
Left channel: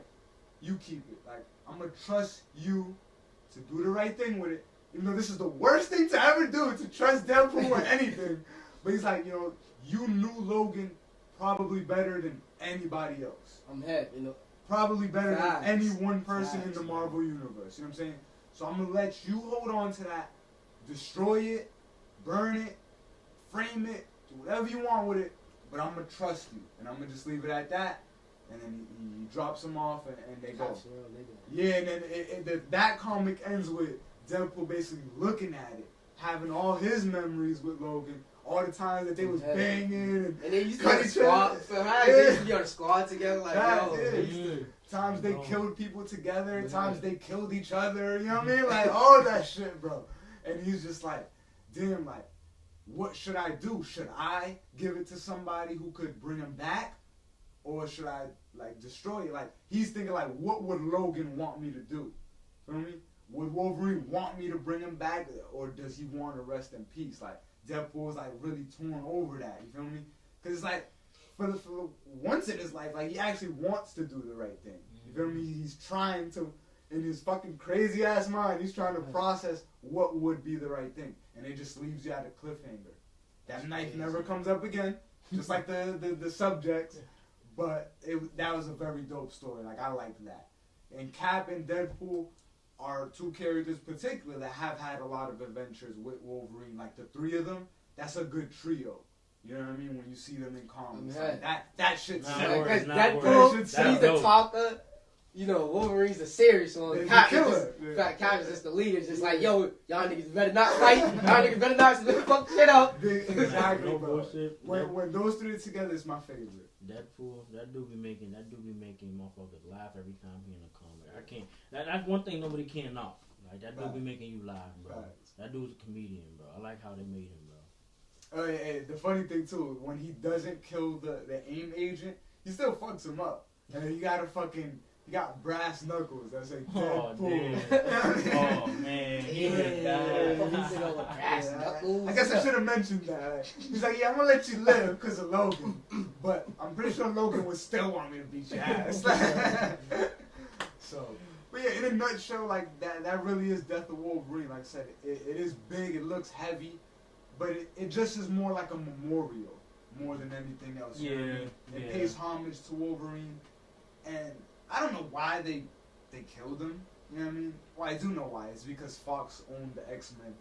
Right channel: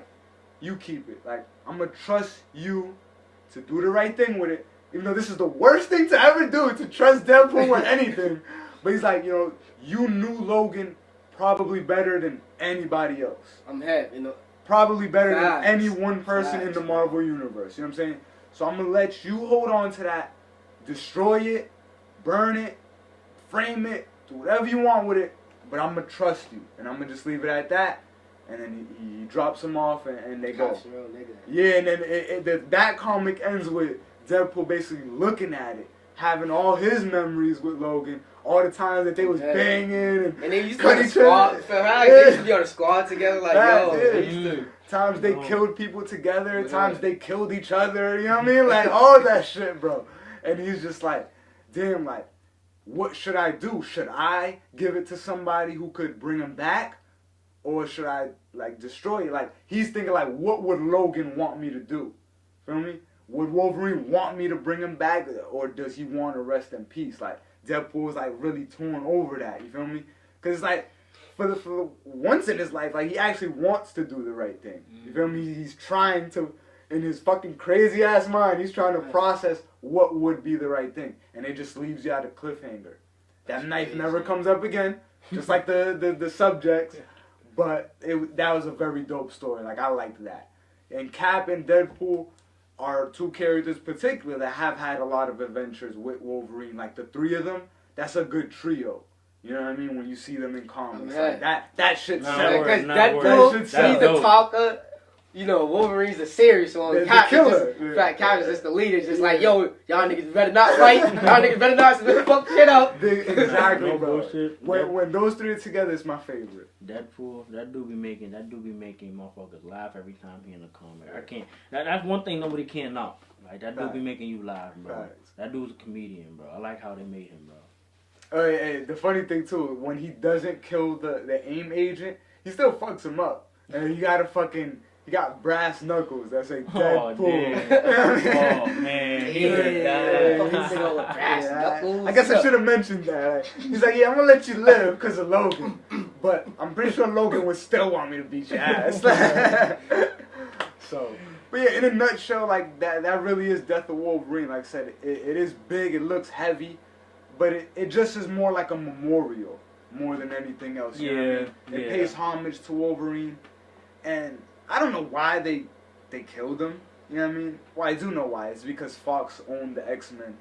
you keep it. Like, I'm gonna trust you to do the right thing with it. Even though this is the worst thing to ever do, to trust Deadpool with anything. But he's like, you knew Logan probably better than anybody else. I'm happy, Probably better than any one person in the Marvel Universe. You know what I'm saying? So I'm going to let you hold on to that, destroy it, burn it, frame it, do whatever you want with it, but I'm going to trust you. And I'm going to just leave it at that. And then he drops him off and they go. Yeah, and then that comic ends with Deadpool basically looking at it, having all his memories with Logan, all the times that they was banging and they used to be on a squad. They used to be on a squad together, like times they killed people together, times they killed each other. You know what I mean? Like all that shit, bro. And he's just like, damn, like, what should I do? Should I give it to somebody who could bring him back, or should I like destroy it? Like he's thinking like, what would Logan want me to do? Feel me? Would Wolverine want me to bring him back, or does he want to rest in peace? Like, Deadpool is, like, really torn over that, you feel me? Because it's like, for once in his life, like, he actually wants to do the right thing. You feel me? He's trying to, in his fucking crazy-ass mind, he's trying to process what would be the right thing. And it just leaves you at a cliffhanger. That knife never comes up again, just like the subjects. But that was a very dope story. Like, I liked that. And Cap and Deadpool are two characters particular that have had a lot of adventures with Wolverine. Like, the three of them, that's a good trio. You know what I mean? When you see them in comics, like that shit sells. Because Deadpool, he's the talker. You know, Wolverine's the serious one. The killer. Cap is just the leader. Just like, yo, y'all niggas better not fight. Y'all niggas better not fuck shit up. Exactly, no bro. bullshit. When those three are together, it's my favorite. Deadpool, that dude be making motherfuckers laugh every time he in a comic. I can't. That's one thing nobody can knock. Like, that dude be making you laugh, bro. Facts. That dude's a comedian, bro. I like how they made him, bro. Hey, the funny thing too, when he doesn't kill the AIM agent, he still fucks him up, and he got brass knuckles that say Deadpool. Oh man, I guess I should have mentioned that. Like, he's like, yeah, I'm gonna let you live because of Logan, but I'm pretty sure Logan would still want me to beat your ass. So, but yeah, in a nutshell, like that really is Death of Wolverine. Like I said, it is big, it looks heavy, but it just is more like a memorial more than anything else. You know what I mean? It pays homage to Wolverine, and I don't know why they killed him. You know what I mean? Well, I do know why. It's because Fox owned the X-Men,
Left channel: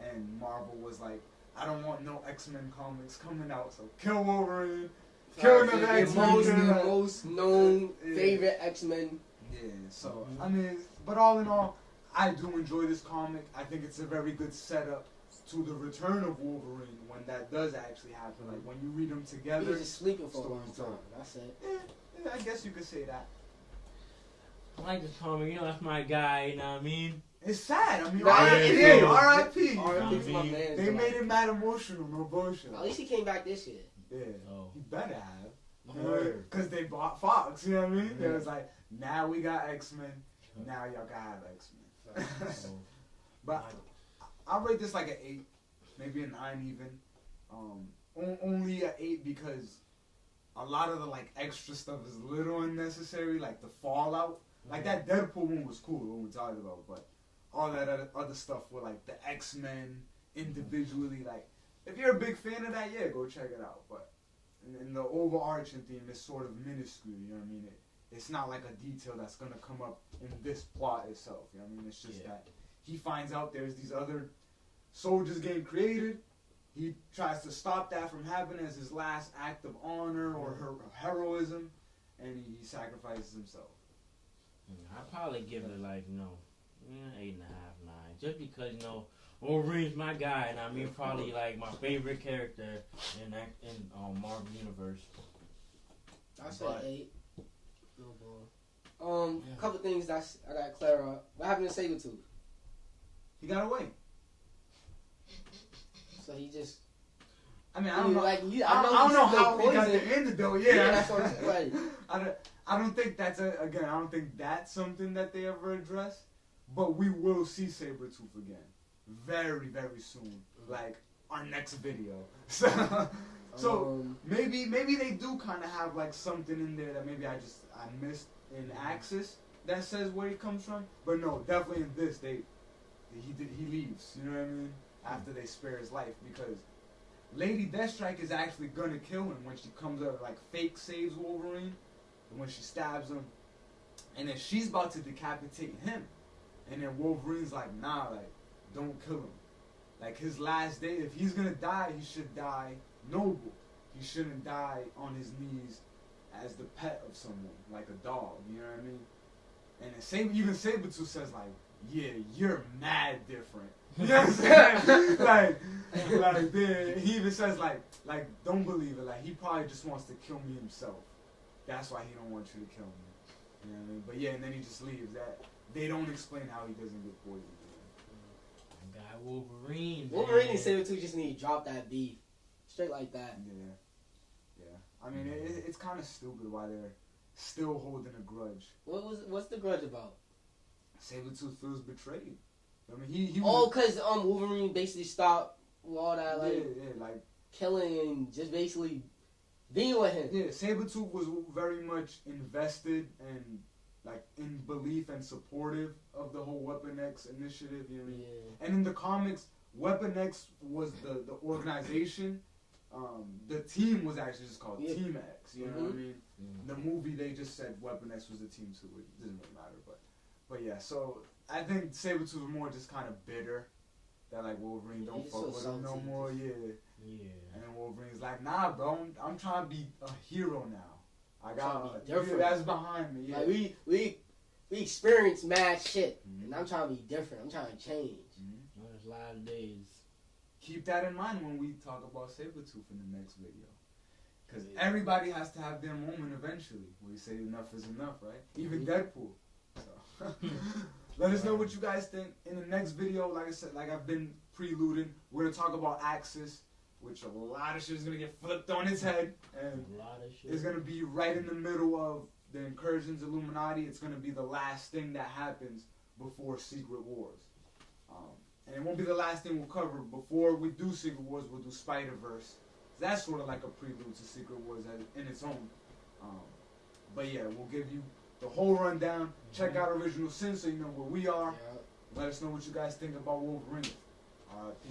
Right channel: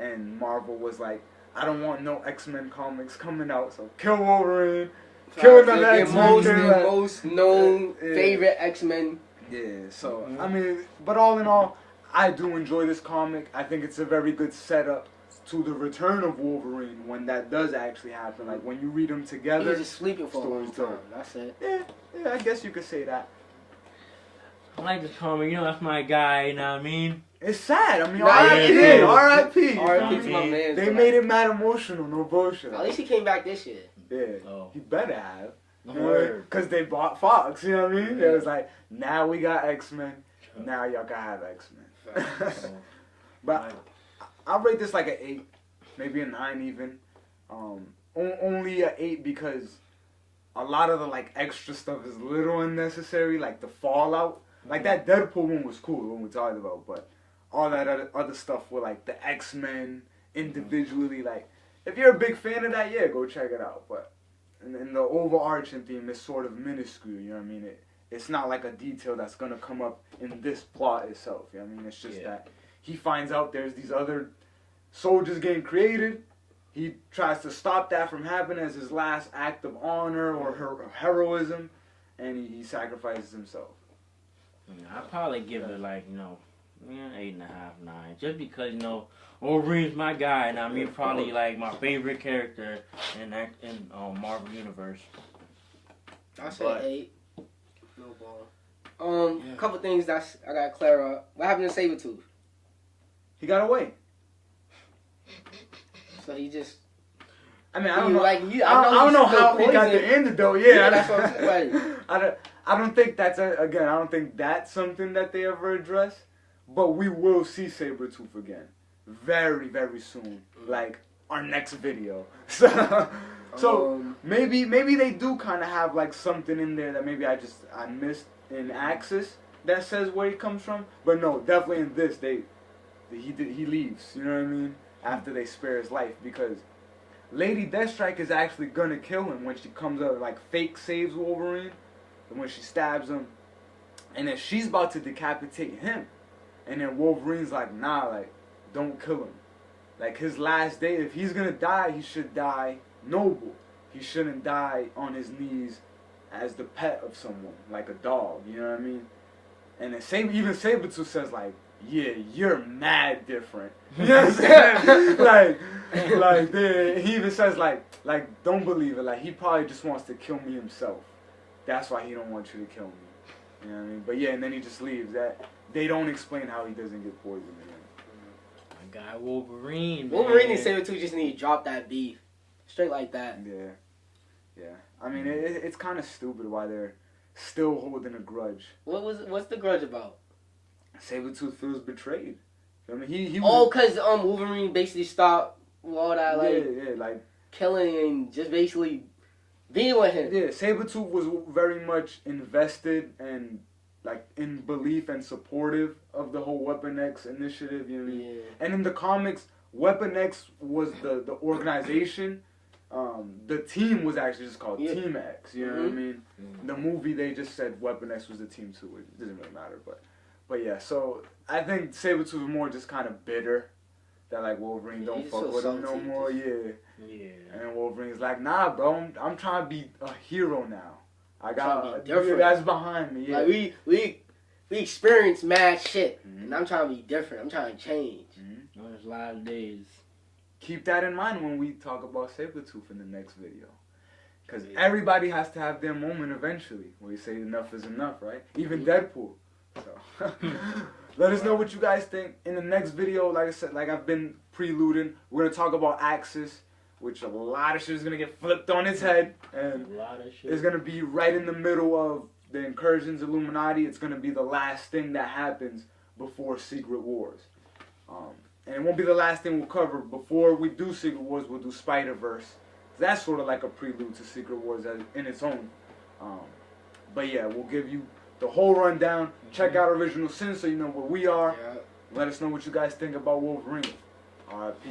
and Marvel was like, I don't want no X-Men comics coming out, so kill Wolverine, kill another X-Men. The most known favorite X-Men. Yeah, so, I mean, but all in all, I do enjoy this comic. I think it's a very good setup to the return of Wolverine when that does actually happen. Like, when you read them together. He was just sleeping for a long time. That's it. Yeah, I guess you could say that. I like this comic, you know, that's my guy, you know what I mean? It's sad. I mean, R.I.P. R.I.P. R.I.P. to my man. They made it mad emotional, no bullshit. At least he came back this year. Yeah, he better have. Because they bought Fox, you know what I mean? It was like, now we got X-Men, now y'all can have X-Men. But I'll rate this like an 8, maybe a 9 even. Only a 8 because a lot of the like extra stuff is a little unnecessary, like the fallout. Like that Deadpool one was cool, the one we talked about, but all that other stuff with like the X-Men individually, like if you're a big fan of that, yeah, go check it out. But in the overarching theme is sort of minuscule, you know what I mean? It's not like a detail that's gonna come up in this plot itself, you know what I mean? It's just that he finds out there's these other soldiers getting created. He tries to stop that from happening as his last act of honor or heroism, and he sacrifices himself. I'd probably give it like, 8.5, 9. Just because, Wolverine's my guy, and I mean probably like my favorite character in Marvel Universe. I say 8. No ball. Couple things I gotta clear up. What happened to Sabretooth? He got away. So he just. I mean, I don't know. Like, I don't know how he got the antidote. Yeah, that's what I'm saying. I don't think that's I don't think that's something that they ever address. But we will see Sabretooth again, very, very soon. Like our next video. So maybe they do kind of have like something in there that maybe I missed in Axis that says where he comes from. But no, definitely in this he leaves. You know what I mean? After they spare his life, because Lady Deathstrike is actually gonna kill him when she comes up, like fake saves Wolverine, and when she stabs him, and then she's about to decapitate him, and then Wolverine's like, nah, like don't kill him. Like his last day, if he's gonna die, he should die noble. He shouldn't die on his knees as the pet of someone, like a dog. You know what I mean? And then even Sabretooth says like, yeah, you're mad different. You know what I'm saying? he even says like, don't believe it. Like he probably just wants to kill me himself. That's why he don't want you to kill me. You know what I mean? But yeah, and then he just leaves. That they don't explain how he doesn't get poisoned again. My guy Wolverine. Wolverine and Sabretooth just need to drop that beef, straight like that. Yeah. I mean, it's kind of stupid why they're still holding a grudge. What's the grudge about? Sabretooth feels betrayed. I mean, he because Wolverine basically stopped all that like killing and just basically being with him. Yeah, Sabretooth was very much invested and like in belief and supportive of the whole Weapon X initiative. You know what I mean? And in the comics, Weapon X was the organization. The team was actually just called Team X. You know what I mean? The movie they just said Weapon X was the team too. It doesn't really matter, but yeah. So I think Sabretooth was more just kind of bitter that like Wolverine don't fuck with him no more. Yeah. And Wolverine's like, nah, bro, I'm trying to be a hero now. I got that's behind me. Yeah. Like we experienced mad shit, and I'm trying to be different. I'm trying to change. There's a lot of days. Keep that in mind when we talk about Sabretooth in the next video. Because everybody has to have their moment eventually where you say enough is enough, right? Even Deadpool. So let us know what you guys think. In the next video, like I said, like I've been preluding, we're going to talk about Axis, which a lot of shit is going to get flipped on its head. And it's going to be right in the middle of the Incursions Illuminati. It's going to be the last thing that happens before Secret Wars. And it won't be the last thing we'll cover. Before we do Secret Wars, we'll do Spider-Verse. That's sort of like a prelude to Secret Wars in its own. But yeah, we'll give you the whole rundown. Check out Original Sin so you know where we are. Let us know what you guys think about Wolverine. R.I.P.